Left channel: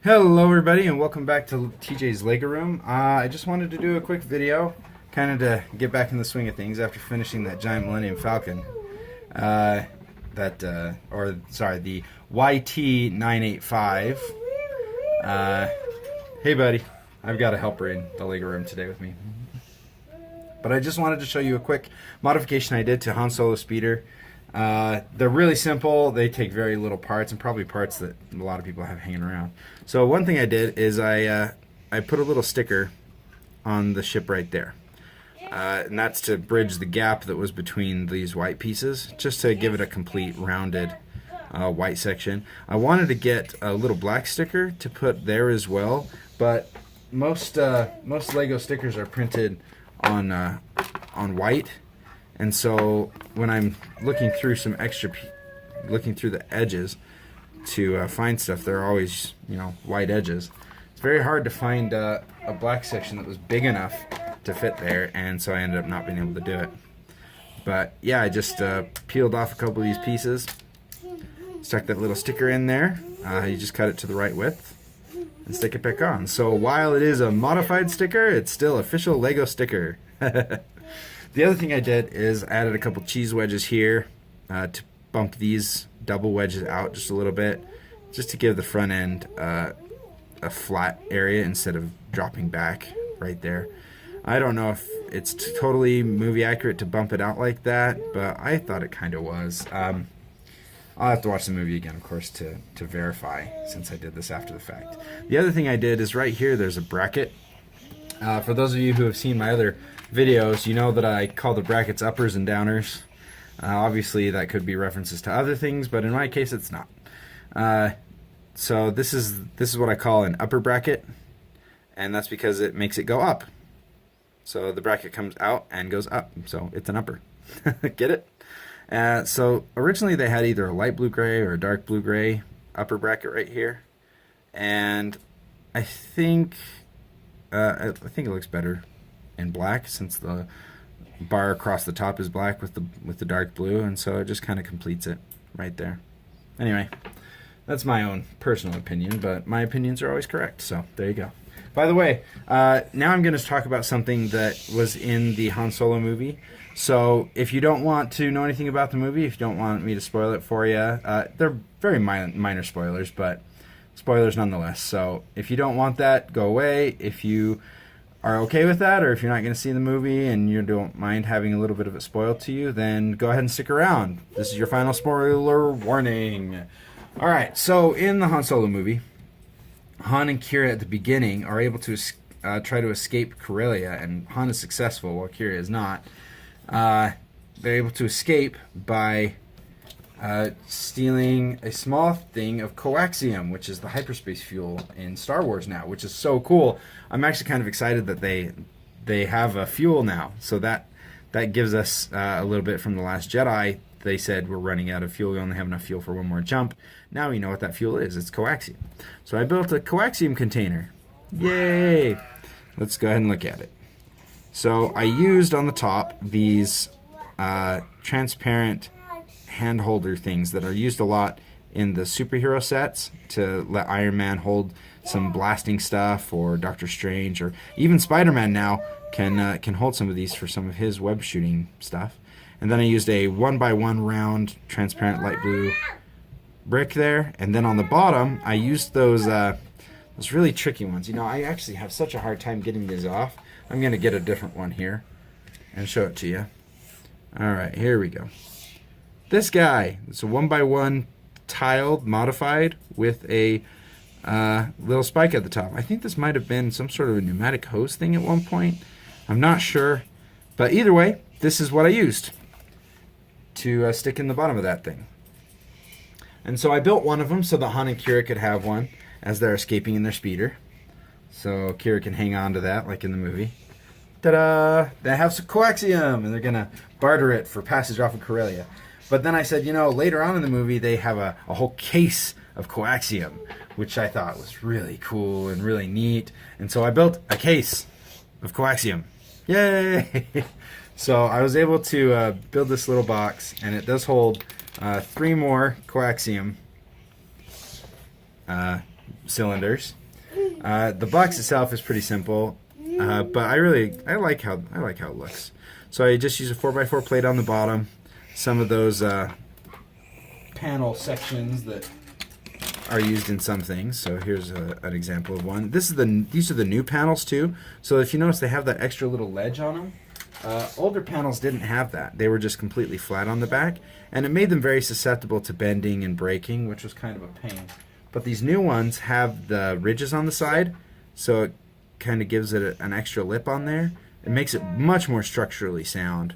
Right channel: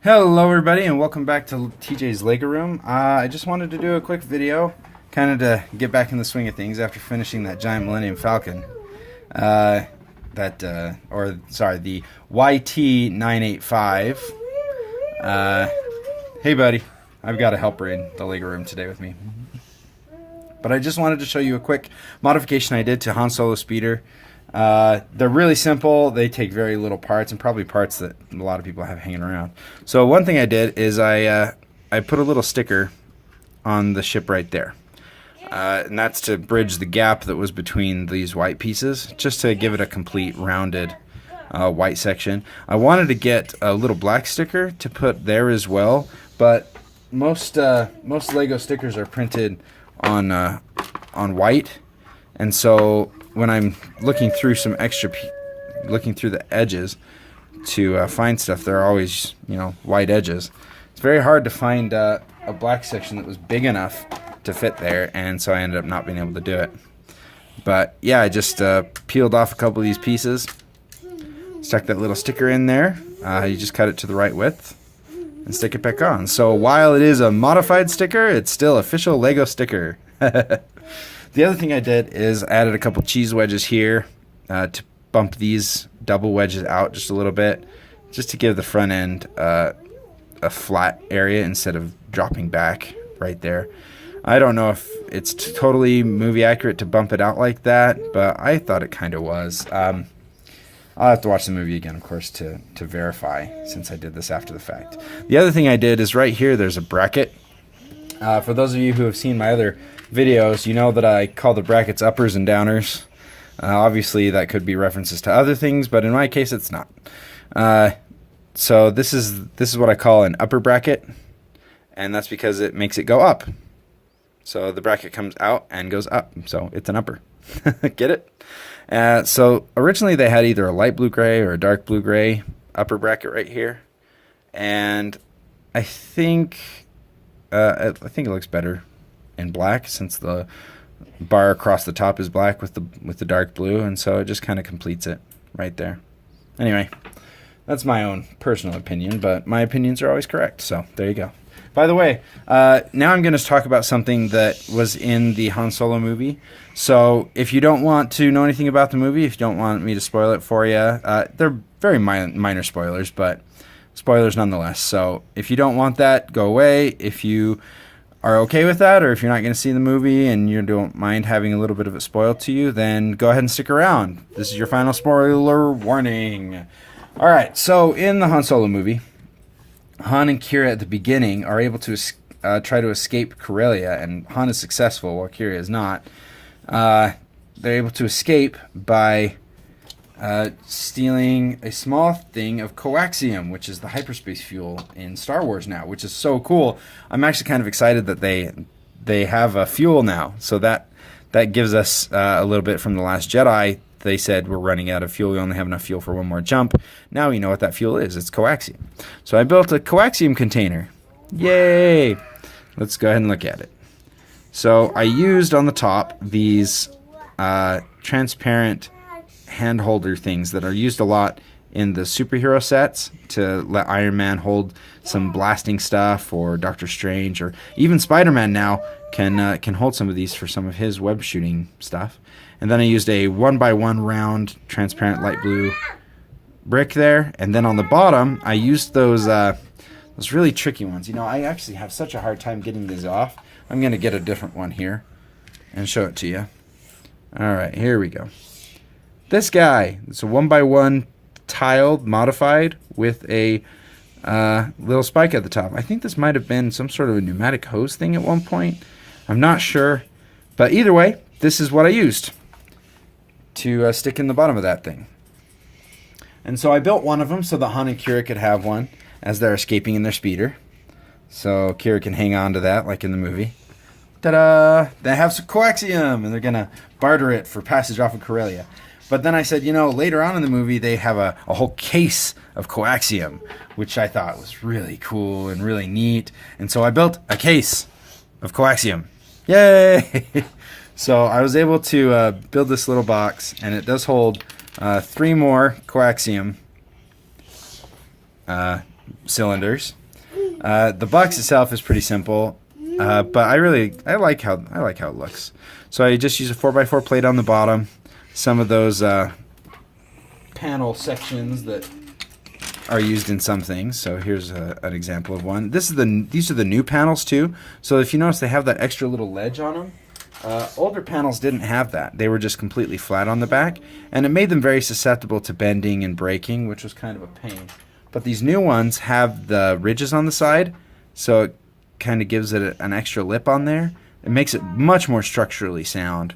Hello everybody and welcome back to TJ's Lego Room. I just wanted to do a quick video kind of to get back in the swing of things after finishing that giant Millennium Falcon. The YT985. Hey buddy, I've got a helper in the Lego Room today with me. But I just wanted to show you a quick modification I did to Han Solo Speeder. They're really simple. They take very little parts, and probably parts that a lot of people have hanging around. So one thing I did is I put a little sticker on the ship right there. And that's to bridge the gap that was between these white pieces, just to give it a complete rounded white section. I wanted to get a little black sticker to put there as well, but most Lego stickers are printed on white. And so when I'm looking through looking through the edges to find stuff, there are always, white edges. It's very hard to find a black section that was big enough to fit there, and so I ended up not being able to do it. But yeah, I just peeled off a couple of these pieces, stuck that little sticker in there. You just cut it to the right width and stick it back on. So while it is a modified sticker, it's still official Lego sticker. The other thing I did is added a couple cheese wedges here to bump these double wedges out just a little bit, just to give the front end a flat area instead of dropping back right there. I don't know if it's totally movie accurate to bump it out like that, but I thought it kind of was. I'll have to watch the movie again, of course, to verify, since I did this after the fact. The other thing I did is right here there's a bracket. For those of you who have seen my other videos, you know that I call the brackets uppers and downers. Obviously that could be references to other things, but in my case it's not. So this is what I call an upper bracket, and that's because it makes it go up. So the bracket comes out and goes up, so it's an upper. Get it? So originally they had either a light blue gray or a dark blue gray upper bracket right here, and I think it looks better in black, since the bar across the top is black with the dark blue, and so it just kind of completes it right there. Anyway, that's my own personal opinion, but my opinions are always correct, so there you go. By the way, now I'm going to talk about something that was in the Han Solo movie. So if you don't want to know anything about the movie, if you don't want me to spoil it for you, they're very minor spoilers, but spoilers nonetheless. So if you don't want that, go away. If you are okay with that, or if you're not going to see the movie and you don't mind having a little bit of it spoiled to you, then go ahead and stick around. This is your final spoiler warning. Alright, so in the Han Solo movie, Han and Qi'ra at the beginning are able to try to escape Corellia, and Han is successful while Qi'ra is not. They're able to escape by stealing a small thing of coaxium, which is the hyperspace fuel in Star Wars now, which is so cool. I'm actually kind of excited that they have a fuel now, so that gives us a little bit from The Last Jedi. They said we're running out of fuel, we only have enough fuel for one more jump. Now we know what that fuel is. It's coaxium. So I built a coaxium container. Yay! Let's go ahead and look at it. So I used on the top these transparent hand holder things that are used a lot in the superhero sets to let Iron Man hold some blasting stuff, or Doctor Strange, or even Spider-Man now can hold some of these for some of his web shooting stuff. And then I used a 1x1 round transparent light blue brick there, and then on the bottom I used those really tricky ones. I actually have such a hard time getting these off. I'm gonna get a different one here and show it to you. Alright, here we go. This guy, it's a 1x1 tiled, modified, with a little spike at the top. I think this might have been some sort of a pneumatic hose thing at one point. I'm not sure. But either way, this is what I used to stick in the bottom of that thing. And so I built one of them so that Han and Qi'ra could have one as they're escaping in their speeder. So Qi'ra can hang on to that like in the movie. Ta-da! They have some coaxium, and they're going to barter it for passage off of Corellia. But then I said, later on in the movie, they have a whole case of coaxium, which I thought was really cool and really neat. And so I built a case of coaxium. Yay! So I was able to build this little box, and it does hold 3 more coaxium cylinders. The box itself is pretty simple, but I like how it looks. So I just use a 4x4 plate on the bottom. Some of those panel sections that are used in some things. So here's an example of one. These are the new panels too. So if you notice, they have that extra little ledge on them. Older panels didn't have that. They were just completely flat on the back, and it made them very susceptible to bending and breaking, which was kind of a pain. But these new ones have the ridges on the side, so it kind of gives it an extra lip on there. It makes it much more structurally sound,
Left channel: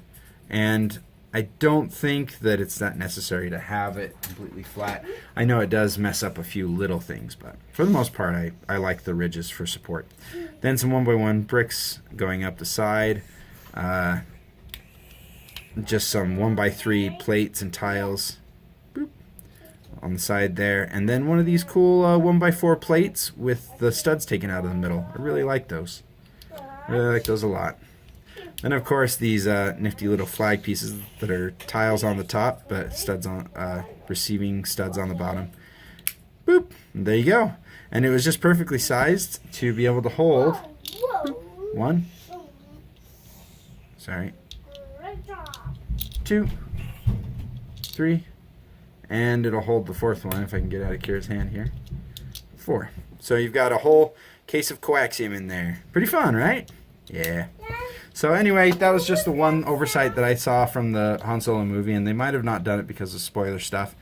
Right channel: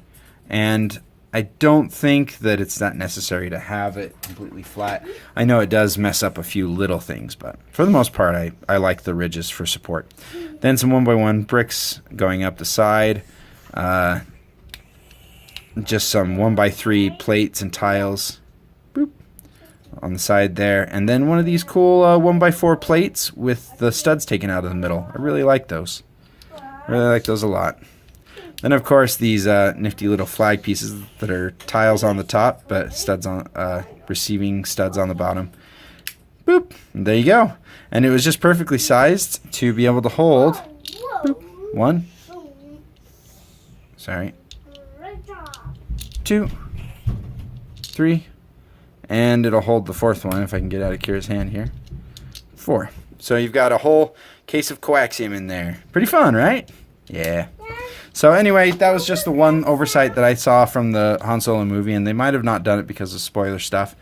and I don't think that it's that necessary to have it completely flat. I know it does mess up a few little things, but for the most part, I like the ridges for support. Then some 1x1 bricks going up the side. Just some 1x3 plates and tiles, boop, on the side there, and then one of these cool 1x4 plates with the studs taken out of the middle. I really like those. I really like those a lot. Then of course these nifty little flag pieces that are tiles on the top, but studs on receiving studs on the bottom. Boop, and there you go. And it was just perfectly sized to be able to hold. Boop, 1. Sorry. 2, 3, and it'll hold the 4th one if I can get out of Kira's hand here. 4. So you've got a whole case of coaxium in there. Pretty fun, right? Yeah. So anyway, that was just the one oversight that I saw from the Han Solo movie, and they might have not done it because of spoiler stuff.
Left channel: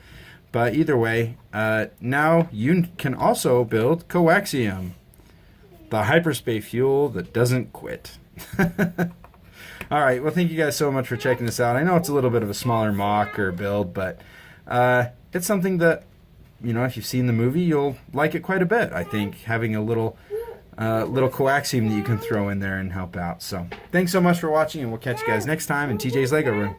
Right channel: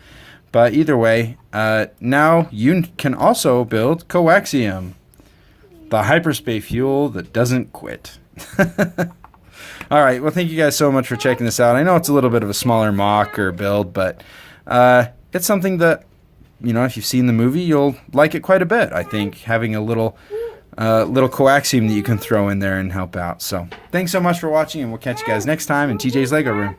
But either way, now you can also build coaxium, the hyperspace fuel that doesn't quit. All right, well, thank you guys so much for checking this out. I know it's a little bit of a smaller mock or build, but it's something that, you know, if you've seen the movie, you'll like it quite a bit. I think having a little coaxium that you can throw in there and help out. So thanks so much for watching, and we'll catch you guys next time in TJ's Lego Room.